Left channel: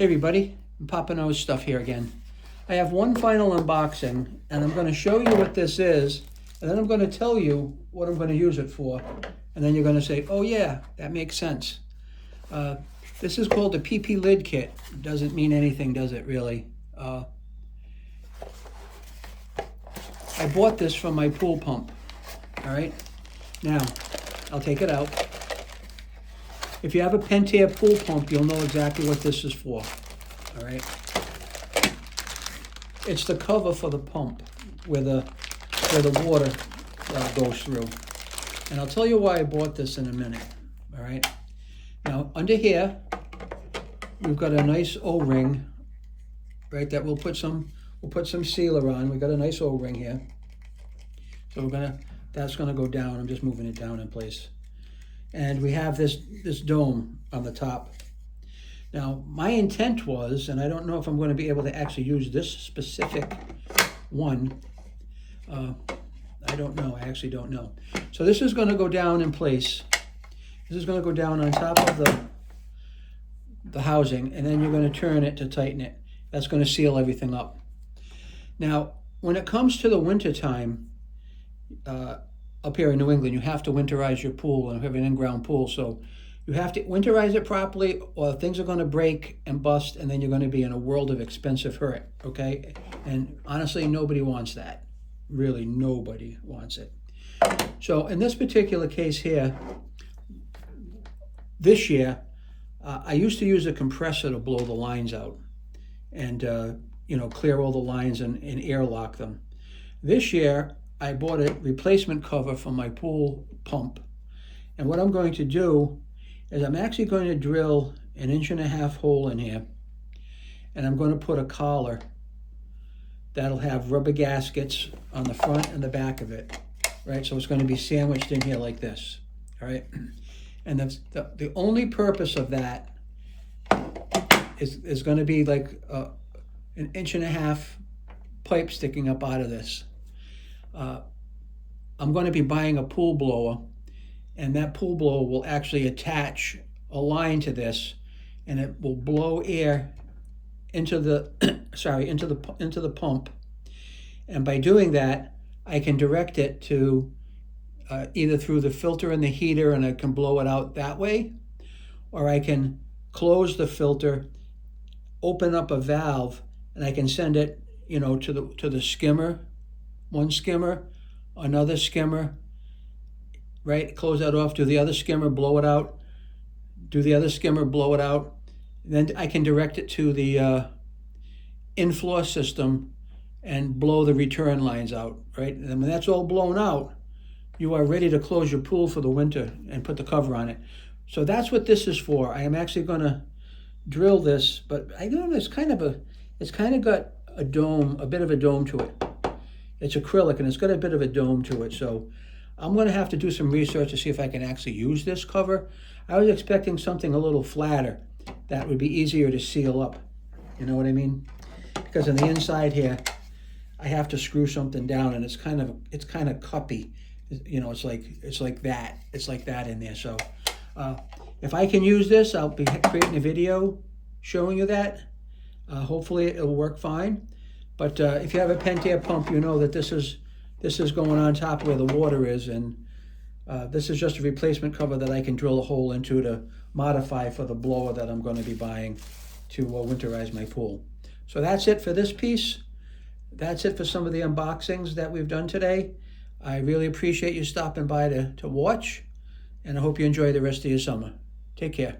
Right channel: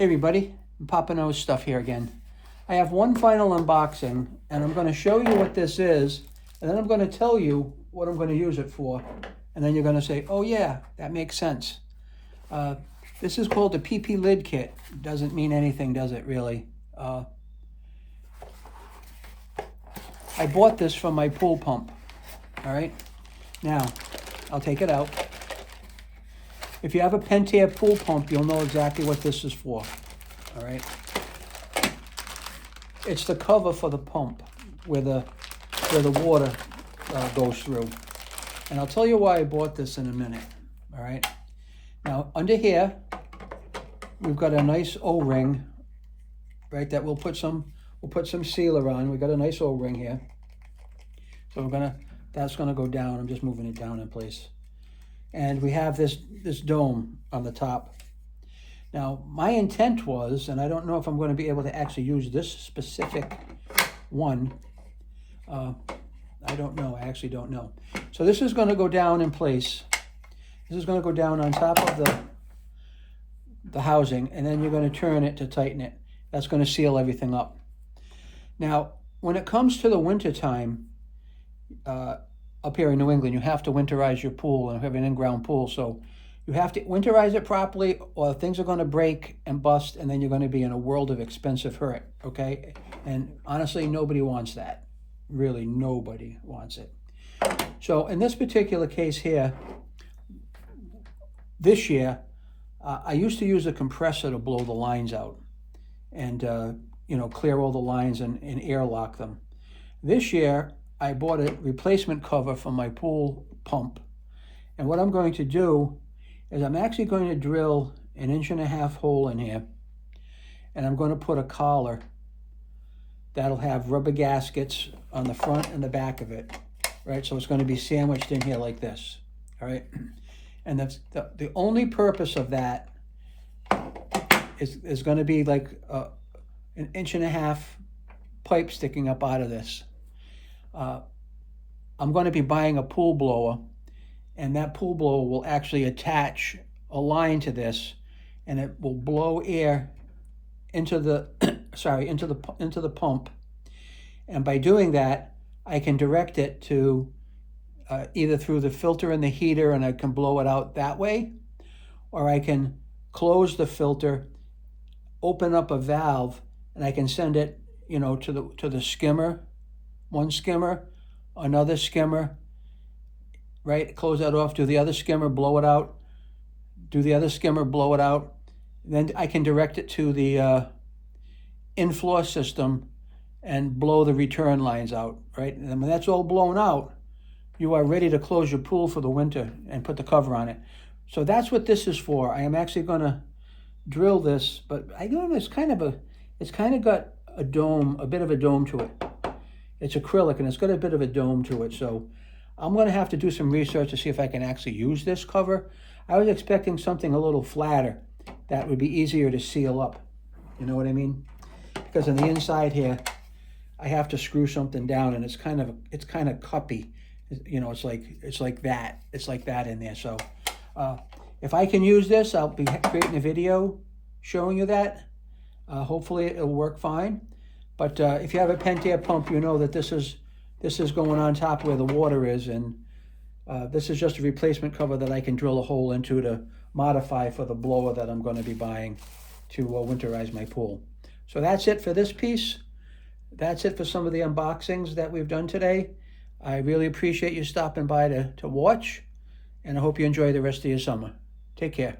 Hey everybody, Papa Knows Stuff here again. I have one final unboxing and I'm going to show you what this is, and then I'm going to tell you what I'm going to use it for, and then you're going to say, oh yeah, that makes sense. This is called the PP Lid Kit. Doesn't mean anything, does it really? I bought this from my pool pump. All right, now I'll take it out. If you have a Pentair pool pump, you'll know exactly what this is for. All right, it's the cover for the pump where the water goes through. And I'll tell you why I bought this in a minute. All right, now under here we've got a nice O-ring, right? That we'll put some sealer on. We've got a nice O-ring here, so that's gonna go down. I'm just moving it down in place. And we have this dome on the top. Now, my intent was, and I don't know if I'm going to be able to actually use this specific one. I don't know. I actually don't know. So this is going to go down in place. This is going to go down on top of the housing, and then you're going to turn it to tighten it. That's going to seal everything up. Now, when it comes to the winter time, up here in New England, you have to winterize your pool, and have an in-ground pool, so you have to winterize it properly, or things are going to break and bust, and then you're going to be in a world of expensive hurt, okay? And honestly, nobody wants that. Really, nobody wants it. So in this particular case here, this year, I used to use a compressor to blow the lines out and clear all the lines and airlock them. This year, I bought a replacement cover for my pool pump. And what I'm going to do is I'm actually going to drill an 1.5-inch hole in here. And I'm going to put a collar that'll have rubber gaskets on the front and the back of it. Right, so it's going to be sandwiched in here like this. All right. And the only purpose of that is going to be like an 1.5 inch pipe sticking up out of this. I'm going to be buying a pool blower, and that pool blower will actually attach a line to this, and it will blow air into the into the pump. And by doing that, I can direct it to either through the filter and the heater, and I can blow it out that way, or I can close the filter, open up a valve, and I can send it, to the skimmer. One skimmer, another skimmer, right? Close that off, do the other skimmer, blow it out, do the other skimmer, blow it out. Then I can direct it to the in-floor system and blow the return lines out, right? And when that's all blown out, you are ready to close your pool for the winter and put the cover on it. So that's what this is for. I am actually going to drill this, but I don't know, it's kind of got a dome, a bit of a dome to it. It's acrylic, and it's got a bit of a dome to it, so I'm going to have to do some research to see if I can actually use this cover. I was expecting something a little flatter that would be easier to seal up. You know what I mean? Because on the inside here, I have to screw something down, and it's kind of cuppy. It's like that in there. So if I can use this, I'll be creating a video showing you that. Hopefully it'll work fine. But if you have a Pentair pump, you know that this is going on top where the water is, and this is just a replacement cover that I can drill a hole into to modify for the blower that I'm going to be buying to winterize my pool. So that's it for this piece. That's it for some of the unboxings that we've done today. I really appreciate you stopping by to watch, and I hope you enjoy the rest of your summer. Take care.